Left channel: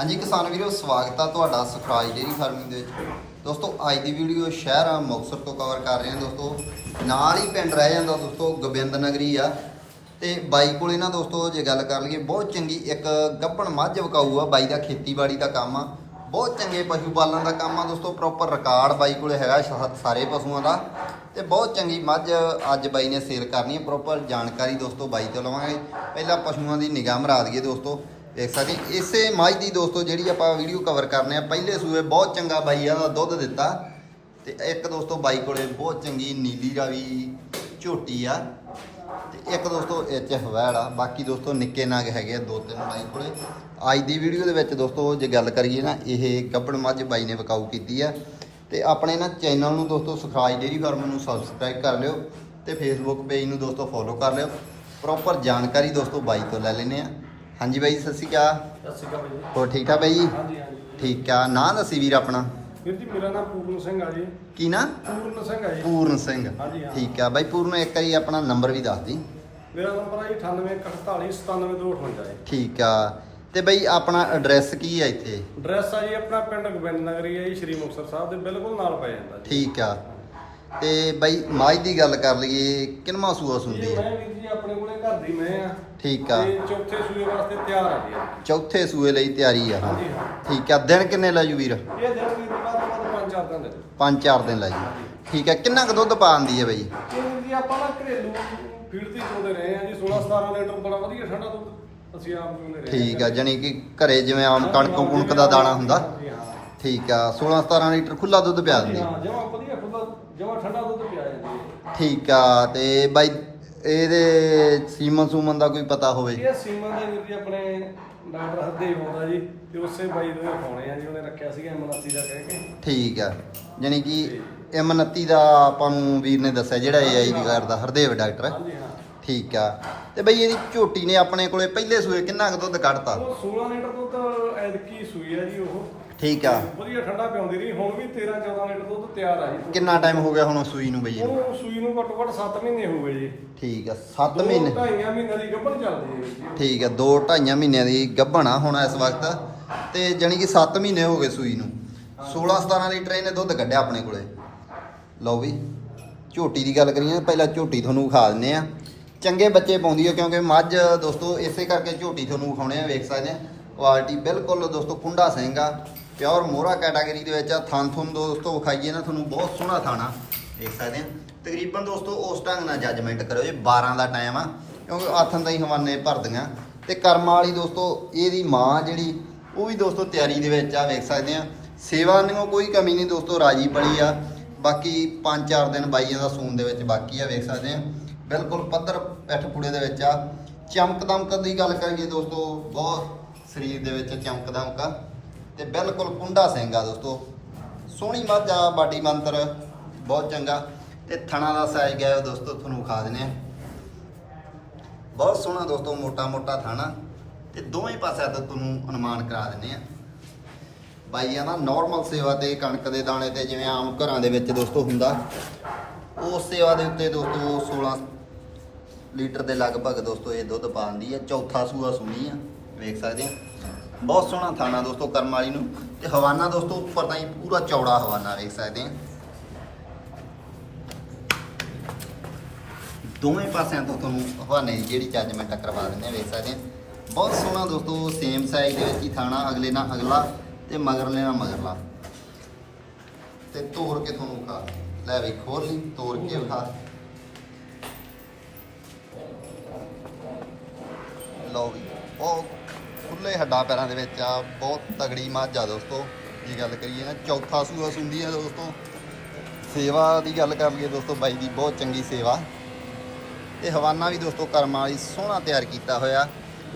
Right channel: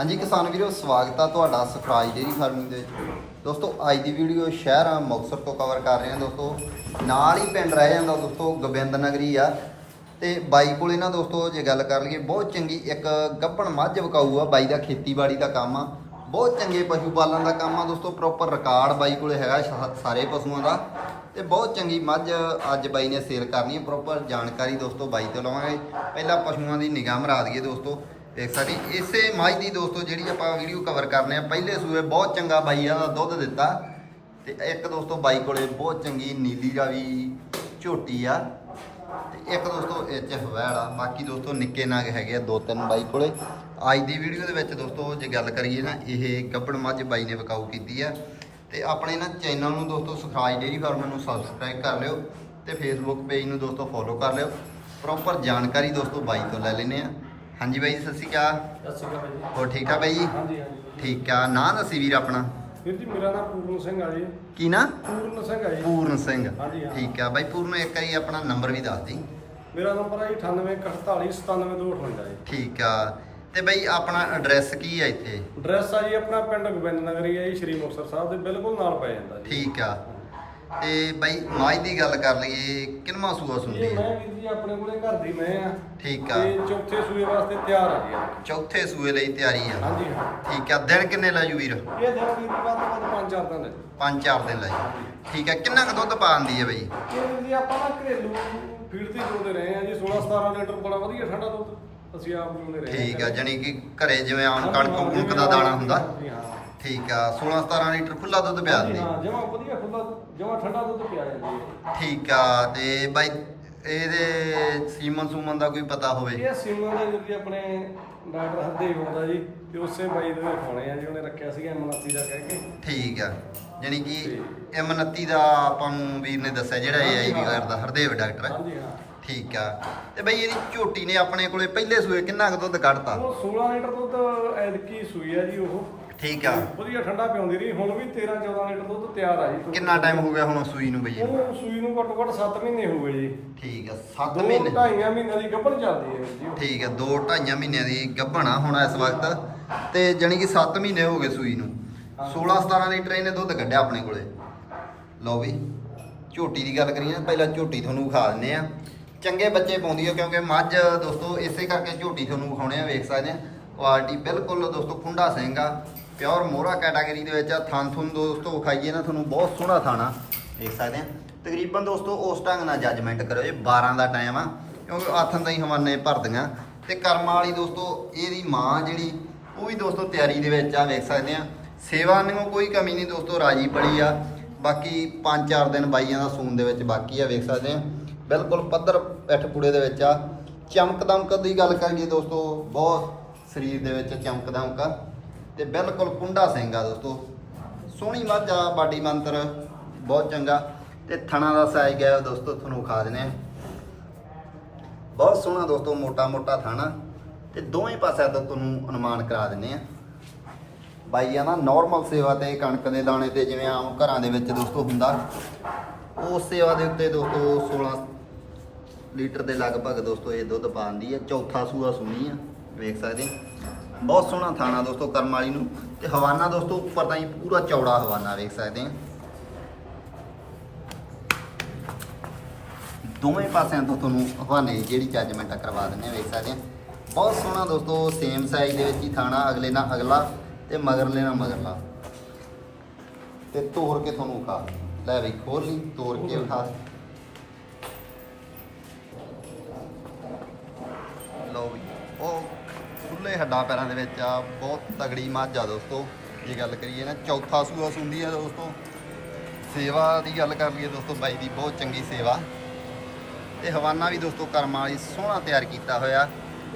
ਹਾਂਜੀ ਕਿਸਾਨ ਵੀਰੋ, ਸਵਾਗਤ ਆ ਤੁਹਾਡਾ ਸੁਖਰਾਜ ਡੇਰੀ ਫਾਰਮਿੰਗ ਦੇ ਵਿੱਚ। ਦੋਸਤੋ, ਅੱਜ ਦੀ ਵੀਡੀਓ ਸ਼ਹਿਰ ਆ, ਮੁਕਤਸਰ ਤੋਂ ਕਵਰ ਕਰ ਰਹੇ ਹਾਂ ਦੋਸਤੋ। ਨਾਲ ਹੀ ਪਿੰਡ ਰਹਿ ਜਾਂਦਾ ਦੋਸਤੋ ਗੋਬਿੰਦ ਨਗਰੀ ਆ। ਤੇ ਬਾਈ ਕੋਲੇ ਨਾ ਦੋਸਤੋ, ਜੇ ਗੱਲ ਕਰ ਲਈਏ, ਬਹੁਤ ਚੰਗੀ ਇੱਕ ਗੱਭਣ ਮੱਝ ਵਿਕਾਊ ਆ ਬਾਈ ਦਾ, ਖੇਤੀਬਾੜੀ ਦਾ ਕੰਮ ਆ। ਬਹੁਤ ਚੰਗੇ ਪਸ਼ੂ ਪਾਲਣ ਦਾ ਕੰਮ ਆ ਦੋਸਤੋ ਪ੍ਰੋਪਰ ਰਿਕਾਰਡ ਬਾਈ ਕੋਲੇ ਹੈਗਾ ਸਾਰੇ ਪਸ਼ੂਆਂ ਦਾ। ਤੇ ਬਹੁਤ ਚੰਗੀ ਮੱਝ ਅੱਜ ਬਾਈ ਨੇ ਸੇਲ ਕਰਨੀ ਹੈ ਪ੍ਰੋਪਰ ਜਾਣਕਾਰੀ ਦੋਸਤੋ ਬਾਈ ਤੋਂ ਲਵਾਂਗੇ। ਪਹਿਲਾਂ ਪਸ਼ੂਆਂ ਦੀ ਨਿਗਾਹ ਮਰਾ ਦਈਏ ਦੋਸਤੋ। ਦੇਖ ਸਕਦੇ ਇਸੇ ਮੱਝ ਦੀ ਦੋਸਤੋ ਜਿਹੜੀ ਆਪਾਂ ਵੀਡੀਓ ਕਵਰ ਕਰਨੇ ਆ, ਪਹਿਲੇ ਸੂਏ ਬਹੁਤ ਚੰਗਾ ਬਾਈ ਆ ਦਾ ਦੁੱਧ ਦਿੱਤਾ। ਤੇ ਇੱਕ ਦੋਸਤੋ ਬਾਈ ਕੋਲੇ ਬਹੁਤ ਚੰਗੀ ਨੀਲੀ ਰਾਵੀ ਝੋਟੀ ਆ। ਤੇ ਇੱਕ ਦੋਸਤੋ ਇਹ ਚ ਹਵੈੜ ਆ, ਬਾਕੀ ਦੋਸਤੋ ਨਿੱਕੇ ਨਾਗ ਹੈਗੇ ਆ, ਦੋ ਤਿੰਨ ਬਾਈ ਕੋਲੇ। ਅੱਜ ਦੀ ਵੀਡੀਓ ਦੇ ਵਿੱਚ ਦੋਸਤੋ ਜੇ ਗੱਲ ਕਰੀਏ ਨਾ, ਇਹ ਗੱਬੜ ਮੱਝ ਬਾਈ ਨੇ ਵਿਕਾਊ ਕੀਤੀ ਆ। ਤੇ ਆਪਣੇ ਨਾ ਚੈਨਲ ਨੂੰ ਦੋਸਤੋ ਸਫਰਾਜ ਡੇਰੀ ਫਾਰਮ ਨੂੰ ਸਬਸਕ੍ਰਾਈਬ ਕਰ ਲਿਓ ਤੇ ਫੇਸਬੁੱਕ ਪੇਜ ਨੂੰ ਦੋਸਤੋ ਫੋਲੋ ਕਰ ਲਿਓ। ਪ੍ਰੋਪਰ ਜਾਣਕਾਰੀ ਦੋਸਤੋ ਬਾਈ ਤੋਂ ਲੈ ਲੈਨੇ ਆ। ਹਾਂਜੀ ਬਾਈ ਸਤਿ ਸ਼੍ਰੀ ਅਕਾਲ। ਸਤਿ ਸ਼੍ਰੀ ਅਕਾਲ ਜੀ। ਹੋਰ ਠੀਕ ਠਾਕ ਬਾਈ ਜੀ? ਹਾਂਜੀ ਹਾਂਜੀ। ਠੀਕ ਆ। ਨਾਂ ਦੱਸੀ ਵੀਰ ਆਪਣਾ। ਵੀਰ ਜੀ ਮੇਰਾ ਨਾਮ ਪੂਰਨ ਸਿੰਘ ਆ ਜੀ। ਕੀ ਨਾਂ? ਪੂਰਨ ਸਿੰਘ ਆ ਜੀ। ਪੂਰਨ ਸਿੰਘ। ਹਾਂਜੀ, ਹਾਂ। ਠੀਕ ਆ ਬਾਈ ਪੂਰਨ ਇੱਕ ਵਾਰੀ ਆਪਣਾ ਨੰਬਰ ਵੀ ਦੱਸ ਦੀ। ਮੇਰਾ ਨੰਬਰ ਆ ਜੀ 9848977258 ਜੀ। ਠੀਕ ਆ। ਤੇ ਬਈ ਆਪਣਾ ਐਡਰੈਸ ਕੀ ਆ ਇੱਥੇ? ਐਡਰੈਸ ਆ ਜੀ ਆਪਣਾ ਪਿੰਡ ਗੋਬਿੰਦ ਨਗਰੀ ਆ ਜੀ ਸ਼੍ਰੀ ਮੁਕਤਸਰ ਸਾਹਿਬ ਦੇ ਬਿਲਕੁਲ ਨਾਲ ਪੈ ਜਾਂਦਾ ਜੀ। ਠੀਕ ਆ। ਤੇ ਬਈ ਮਾਝ ਦੀ ਗੱਲ ਕਰ ਲਈਏ ਕਿੰਨਵਾਂ ਸੂਆ ਸੁਣਦੀ ਇਹ ਹੈ? ਮੈਂ ਵੀਰ ਜੀ ਆਪਣੇ ਕੋਲੇ ਘਰ ਦੀ ਮੈਂ ਆ। ਠੀਕ ਆ। ਤੇ ਚੌਥੇ ਸੂਏ ਵਾਸਤੇ ਤਿਆਰ ਆ ਜੀ ਇਹ। ਚੌਥੇ ਸੂਏ ਲਈ ਤਿਆਰੀ ਆ। ਹਾਂਜੀ ਹਾਂ। ਠੀਕ ਆ ਦਿਨ ਕਿੰਨੇ ਲਾਜੂ ਵੀਰ? ਇਹ ਦਿਨ ਵੀਰ ਜੀ ਵੱਧ ਤੋਂ ਵੱਧ ਪੰਜ ਚਾਰ ਦਿਨ ਲੈ ਜਾਓ। ਪੰਜ ਚਾਰ ਦਿਨ ਲਾਜੂ ਹਾਂਜੀ। ਠੀਕ ਆ ਕਿੰਨਾ ਕੁ ਦੁੱਧ ਪਾਉਂਦੀ ਹੈ ਬਈ? ਇਹ ਵੀਰ ਜੀ ਆਪਾਂ ਨਾ ਘਰੇਲੂ ਫੀਡ ਦੀ ਚੋਂਦੇ ਰਹੇ ਆ ਜੀ 16 17 ਲੀਟਰ ਬੜਾ ਵਧੀਆ ਠੰਡਾ ਦੁੱਧ ਅਸੀਂ ਆਪ ਚੋਂਦੇ ਰਹੇ ਠੀਕ ਆ। ਜਾਣੀ ਕਿ ਘਰੇ ਜਿਵੇਂ ਆਮ ਕਣਕ ਹਾਂ, ਕੁਣਕ ਦਾ ਦਾਣਾ ਹੁੰਦਾ। ਹਾਂਜੀ, ਹਾਂ। ਠੀਕ ਆ 16 17 ਲੀਟਰ ਖੁੱਲਾ ਦੁੱਧ ਪਿਆ ਹਾਂਜੀ, ਦਿੰਦੀ ਹਾਂ ਜਮਾ ਵਧੀਆ ਖੁੱਲਾ ਜਮਾ ਠੰਡਾ ਦੁੱਧ ਪਿਆ ਜਾਂਦੀ ਹੈ ਠੀਕ ਆ ਤੇ ਬਾਈ ਇਹਦੇ ਸੀਮਨ ਸੂਮਨ ਦਾ ਕੋਈ ਪਤਾ ਹੋਵੇ? ਇਹ ਸੀਮਨ ਦੇ ਵੀਰ ਜੀ ਆਪਣੇ ਡਾਕਟਰ ਹਰਦੇਵ ਆਉਂਦਾ ਜੀ ਤੇ ਉਸੇ ਬਾਈ ਦੇ ਖਾਣੇ ਆ ਜੀ ਉਹਨੇ ਰੱਖਿਆ ਸੀਗਾ ਐਮਨਸੀ ਦਾ ਕਹਿ ਕੇ। ਠੀਕ ਆ ਜਾਣੀ ਕਿ M29 ਦਾ ਆਪਾਂ ਨੂੰ ਵੀਰ ਨੇ ਦੱਸਿਆ ਜਿਹੜਾ ਹਾਂ। ਕਰਦਾ ਹਰਦੇਵ ਡਾਕਟਰ। ਹਾਂਜੀ ਹਾਂ। ਠੀਕ ਆ। ਤੇ ਬਈ ਇਹਦੀ ਝੋਟੀ ਨੇ ਆਪਣੇ ਕੋਲੇ ਪਹਿਲੇ ਸੂਏ ਕਿੰਨਾ ਕੁ ਦੁੱਧ ਕੱਢਤਾ? ਉਹ 16 ਲੀਟਰ ਦੁੱਧ ਐਦਕੀ ਸੂਈ ਆ ਜੀ ਉਹ। ਠੀਕ ਆ। ਵਧੀਆ ਠੰਡਾ ਪਿਆਉਂਦੀ ਰਹੀ। ਹੁਣ ਵੀ 13 14 ਲੀਟਰ ਦੁੱਧ ਤਿਆਰ ਆ ਜੀ। ਕਿੰਨਾ ਟਾਈਮ ਹੋ ਗਿਆ ਹੁਣ ਸੂਈ ਨੂੰ ਬਈ ਇਹਨੂੰ? ਉਹ ਸੂਈ ਨੂੰ ਘੱਟੋ ਘੱਟ 7 ਮਹੀਨੇ ਹੋ ਗਏ ਜੀ। ਠੀਕ ਆ 7 ਦੋ ਮਹੀਨੇ। ਢਾਈਆਂ ਮਹੀਨੇ ਦੀ ਗੱਭਣ ਚੱਲਦੀ ਹੈ ਜੀ ਠੀਕ ਆ 2 2.5 ਮਹੀਨਿਆਂ ਦੀ ਗੱਭਣਾ ਹੁਣ ਇਸ ਵਕਤ। ਤੇ ਜਾਣੀ ਕਿ 7 ਮਹੀਨੇ ਹੋ ਗਏ ਸੂਈ ਨੂੰ। 16 17 ਲੀਟਰ ਇਹਨੇ ਦੁੱਧ ਕੱਢਿਆ ਆਪਣੇ ਕੋਲੇ। ਲਓ ਵੀ ਝੋਟੀ ਦੀ ਗੱਲ ਕਰੀਏ ਪਹਿਲਾਂ ਝੋਟੀ ਤੁਹਾਨੂੰ ਵਿਖਾ ਦਿੰਦੇ ਆ ਚੰਗੇ ਬੱਚੇ ਪਾਉਂਦੀ ਹੈ ਕਿਉਂਕਿ ਮੱਝ, ਦੋਸਤੋ, ਇਸੇ ਕਰਕੇ ਝੋਟੀ ਤੁਹਾਨੂੰ ਵਿਖਾਉਣੇ ਆ, ਵੇਖ ਸਕਦੇ ਆ। ਕੁਆਲਿਟੀ ਬਿਲਕੁਲ, ਦੋਸਤੋ ਕੁੰਡਾ ਸਿੰਘ ਆ ਪਿਓਰ ਮੋਹਰਾ ਕੈਟਾਗਰੀ ਦੇ ਵਿੱਚ ਆ। ਥਣ ਤੁਹਾਨੂੰ ਦੋਸਤੋ, ਵਿਖਾਈਏ ਨਾ ਤੁਹਾਨੂੰ, ਬਹੁਤ ਸੋਹਣਾ ਥਾਣਾ ਦੇਖ ਸਕਦੇ ਆ। ਤਕਰੀਬਨ ਦੋਸਤੋ, ਉਸ ਢੰਗ ਨਾਲ ਜੱਜਮੈਂਟ ਕਰੋ ਇਹ 12 ਦਾ ਟਾਈਮ ਆ। ਕਿਉਂਕਿ ਆਥਣ ਤਾਈਂ ਹਵਾਨੇ ਭਰਦੀਆਂ। ਤੇ ਕਰਮਾਂ ਵਾਲੀ ਦੋਸਤੋ, ਇਹਦੀ ਮਾਂ ਜਿਹੜੀ, ਉਹ ਵੀ ਦੋਸਤੋ ਤਿਆਰੀ ਦੇ ਵਿੱਚ ਆ, ਵੇਖ ਸਕਦੇ ਆ। ਸੇਵਾ ਨੂੰ ਕੋਈ ਕਮੀ ਨਹੀਂ ਦੋਸਤੋ, ਰਾਜੀ ਪੜੀ ਆ। ਬਾਕੀ 5-4 ਦਿਨ ਬਾਈਆਂ ਦਾ ਸੂਨ ਦੇ ਵਿੱਚ ਬਾਕੀ ਆ, ਵੇਖ ਸਕਦੇ ਆ। ਬਿਲਕੁਲ ਪੱਧਰ ਪਿੱਠ ਪੂੜੇ ਦੇ ਵਿੱਚ ਆ। ਚਮਕ ਦਮਕ ਦੀ ਗੱਲ ਕਰੀਏ ਦੋਸਤੋ, ਬਹੁਤ ਸਰੀਰ ਦੇ ਵਿੱਚ ਚਮਕ ਦਮਕ ਆ ਤੇ ਬਿਲਕੁਲ ਕੁੰਡਾ ਸਿੰਘ ਆ ਦੋਸਤੋ। ਸੋਹਣੀ ਮੱਝ ਆ, ਬਾਡੀ ਮੰਤਰ, ਬਹੁਤ ਚੰਗਾ। ਤੇ ਥਣਾ ਦਾ ਸਾਈਜ਼ ਗਿਆ ਦੋਸਤੋ, ਤੁਹਾਨੂੰ ਖਾ ਦਿੰਦੇ ਆ ਬਹੁਤ ਸੋਹਣਾ ਦੋਸਤੋ ਮੋਟਾ ਮੋਟਾ ਥਾਣਾ ਤੇ ਦੋਵੇਂ ਪਾਸਿਆਂ ਤੋਂ ਤੁਹਾਨੂੰ ਅਨੁਮਾਨ ਕਰਾ ਦਿੰਨੇ ਆ ਬਾਈਆਂ ਦਾ ਨਾਰਮਲ ਸੇਵਾ ਤੇ, ਕਣਕ ਦੇ ਦਾਣੇ ਤੇ ਜਿਵੇਂ ਆਮ ਘਰਾਂ ਦੇ ਵਿੱਚ ਦੋਸਤੋ ਹੁੰਦਾ, ਉਸ ਸੇਵਾ ਦੇ ਉੱਤੇ ਦੋਸਤੋ 16 ਲੀਟਰ ਦੇ ਲਗਭਗ ਦੋਸਤੋ ਇਹ ਦੁੱਧ ਪਾਉਂਦੀ ਹੈ। ਚੌਥਾ ਸੂਆ ਸੁਣੀ ਆ, ਵੇਖ ਸਕਦੇ ਆ। ਬਹੁਤ ਸੋਹਣਾ ਥਾਣਾ ਦੋਸਤੋ ਕਰਮ ਵਾਲੀ ਨੂੰ। ਤੇ ਹਵਾਨਾ ਦੋਸਤੋ ਉੱਪਰ ਤਾਂ ਹੀ ਪੂਰਾ ਚੌੜਾ ਹਵਾਨਾ ਵੇਖ ਸਕਦੇ ਆ। ਦੋਵੇਂ ਪਾਸਿਆਂ ਤੋਂ ਤੁਹਾਨੂੰ ਹਵਾਨੇ ਦੀ ਜਿਹੜੀ ਚੱਜ ਮੈਂ ਟੱਕਰਵਾ ਦਿੰਦੇ ਆ, ਵੇਖ ਸਕਦੇ ਆ। ਬਹੁਤ ਸੋਹਣਾ ਦੋਸਤੋ ਸੇਮ ਸਾਈਜ਼ ਦੇ ਵਿੱਚ ਹੀ ਥਾਣਾ, ਅਗਲੇ ਨਾਲ ਅਗਲਾ ਤੇ ਮਗਰਲੇ ਨਾਲ ਮਗਰਲਾ। ਤੇ ਤੋੜ ਕੇ ਤੁਹਾਨੂੰ ਖਾ ਲੈ ਵੀ ਖੋਲ ਲਈ ਤੋੜ ਕੇ ਵਿਖਾ। ਲਓ ਵੀ, ਉਹ ਖੁੱਲੇ ਹੱਡਾਂ ਪੈਰਾਂ ਦੇ ਵਿੱਚ ਆ, ਬਹੁਤ ਤਗੜੀ ਮੱਝ ਆ ਦੋਸਤੋ, ਜੇ ਗੱਲ ਕਰੀਏ ਨਾ ਚੌਥਾ ਸੂਆ ਸੁੰਦੀ ਆ ਦੋਸਤੋ। ਸੇਵਾ ਦੀ ਗੱਲ ਕਰ ਲਈਏ ਦੋਸਤੋ, ਬਾਈ ਦੀ ਬਹੁਤ ਚੰਗੀ ਸੇਵਾ। ਤੇ ਹਵਾਨਾ ਵੀ ਦੋਸਤੋ ਕਰਮਾਂ ਵਾਲੀ ਸੋਹਣਾ ਤਿਆਰ ਕੀਤਾ ਹੋਇਆ।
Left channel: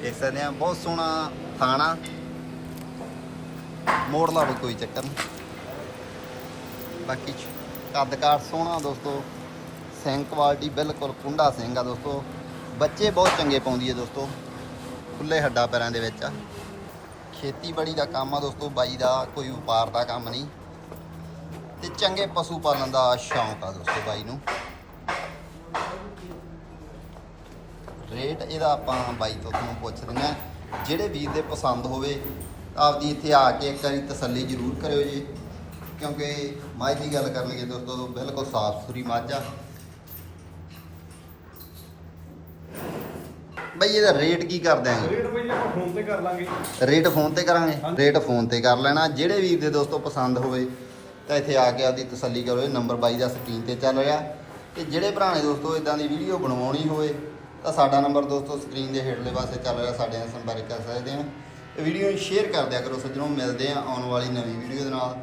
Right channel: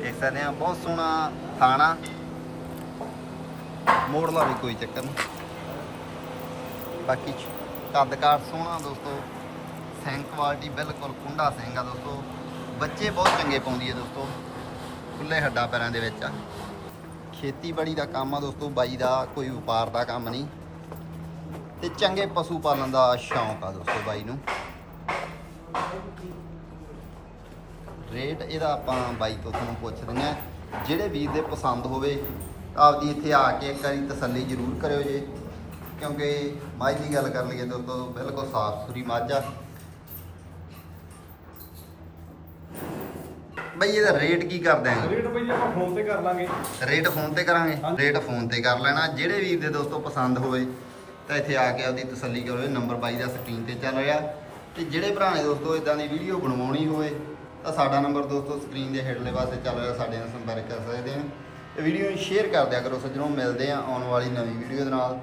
ਦੇਖ ਸਕਦੇ ਆ ਬਹੁਤ ਸੋਹਣਾ ਖਾਣਾ ਮੋੜਲਾ ਵੀ ਕੋਈ ਚੱਕਰ ਨਹੀਂ। ਬਾਕੀ ਕੱਦਕਾਰ ਸੋਹਣਾ ਦੋਸਤੋ। ਸਿੰਘ ਕੁਆਲਿਟੀ ਬਿਲਕੁਲ ਕੁੰਡਾ ਸਿੰਘ ਆ ਦੋਸਤੋ। ਬੱਚੇ ਬਹੁਤ ਚੰਗੇ ਪਾਉਂਦੀ ਹੈ ਦੋਸਤੋ। ਖੁੱਲੇ ਹੱਡਾ ਪੈਰਾਂ ਦੇ ਵਿੱਚ ਆ। ਖੇਤੀਬਾੜੀ ਦਾ ਕੰਮ ਆ ਦੋਸਤੋ, ਬਾਈ ਦਾ ਕੋਈ ਵਪਾਰ ਦਾ ਕੰਮ ਨਹੀਂ। ਤੇ ਚੰਗੇ ਪਸ਼ੂ ਪਾਲਣ ਦਾ ਸ਼ੌਂਕ ਆ ਦੋਸਤੋ ਬਾਈ ਨੂੰ। ਰੇਟ ਇਹਦਾ ਆਪਾਂ ਬਾਈ ਤੋਂ ਤੁਹਾਨੂੰ ਪੁੱਛ ਦਿੰਦੇ ਆ ਜਿਹੜੇ ਵੀਰ ਦੇ ਪਸੰਦ ਹੋਵੇ ਤਾਂ ਆਪਦੀ ਇੱਥੇ ਆ ਕੇ ਇੱਕ ਵਾਰੀ ਤਸੱਲੀ ਜ਼ਰੂਰ ਕਰਿਓ ਜੀ। ਕਿਉਂਕਿ ਮਾਝ ਦੀ ਗੱਲ ਕਰ ਲਈਏ ਦੋਸਤੋ, ਬਿਲਕੁਲ ਸਾਫ਼ ਸੁਥਰੀ ਮੱਝ। ਆ ਬਈ ਇਹਦਾ ਰੇਟ ਕੀ ਕਰ ਦਿਆਂਗੇ ਰੇਟ ਬਈ ਆਪਾਂ ਫੋਨ ਤੇ ਕਰ ਲਾਂਗੇ। ਰੇਟ ਫੋਨ ਤੇ ਕਰਾਂਗੇ। ਰੇਟ ਫੋਨ ਤੇ ਕਰ ਲੈਣਾ। ਜਿਹੜੇ ਵੀਰ ਦੇ ਦੋਸਤੋ ਪਸੰਦ ਹੋਵੇ ਤਾਂ ਇੱਥੇ ਆ ਕੇ ਆਪਦੀ ਤਸੱਲੀ ਕਰੋ। ਇਹ ਨੰਬਰ ਬਾਈ ਦਾ ਸਕਰੀਨ ਤੇ ਚੱਲ ਰਿਹਾ। ਤੇ ਜਿਹੜੇ ਭਰਾ ਨੇ ਦੋਸਤੋ ਇਦਾਂ ਦੀ ਵੀਡੀਓ ਬਣਵਾਉਣੀ ਹੋਵੇ ਤਾਂ ਸਾਡਾ ਨੰਬਰ ਦੋਸਤੋ ਸਕਰੀਨ ਦੇ ਹੇਠਲੇ ਪਾਸੇ ਚੱਲ ਰਿਹਾ। ਸਾਡੇ ਨਾਲ ਸੰਪਰਕ ਕਰ ਸਕਦੇ ਆ। ਇਹ ਵੀਡੀਓ ਨੂੰ ਸ਼ੇਅਰ ਕਰ ਦਿਆ ਕਰੋ ਸੱਜਣੋ। ਮਿਲਦੇ ਆ ਆਉਣ ਵਾਲੀ ਨਵੀਂ ਵੀਡੀਓ ਦੇ ਨਾਲ।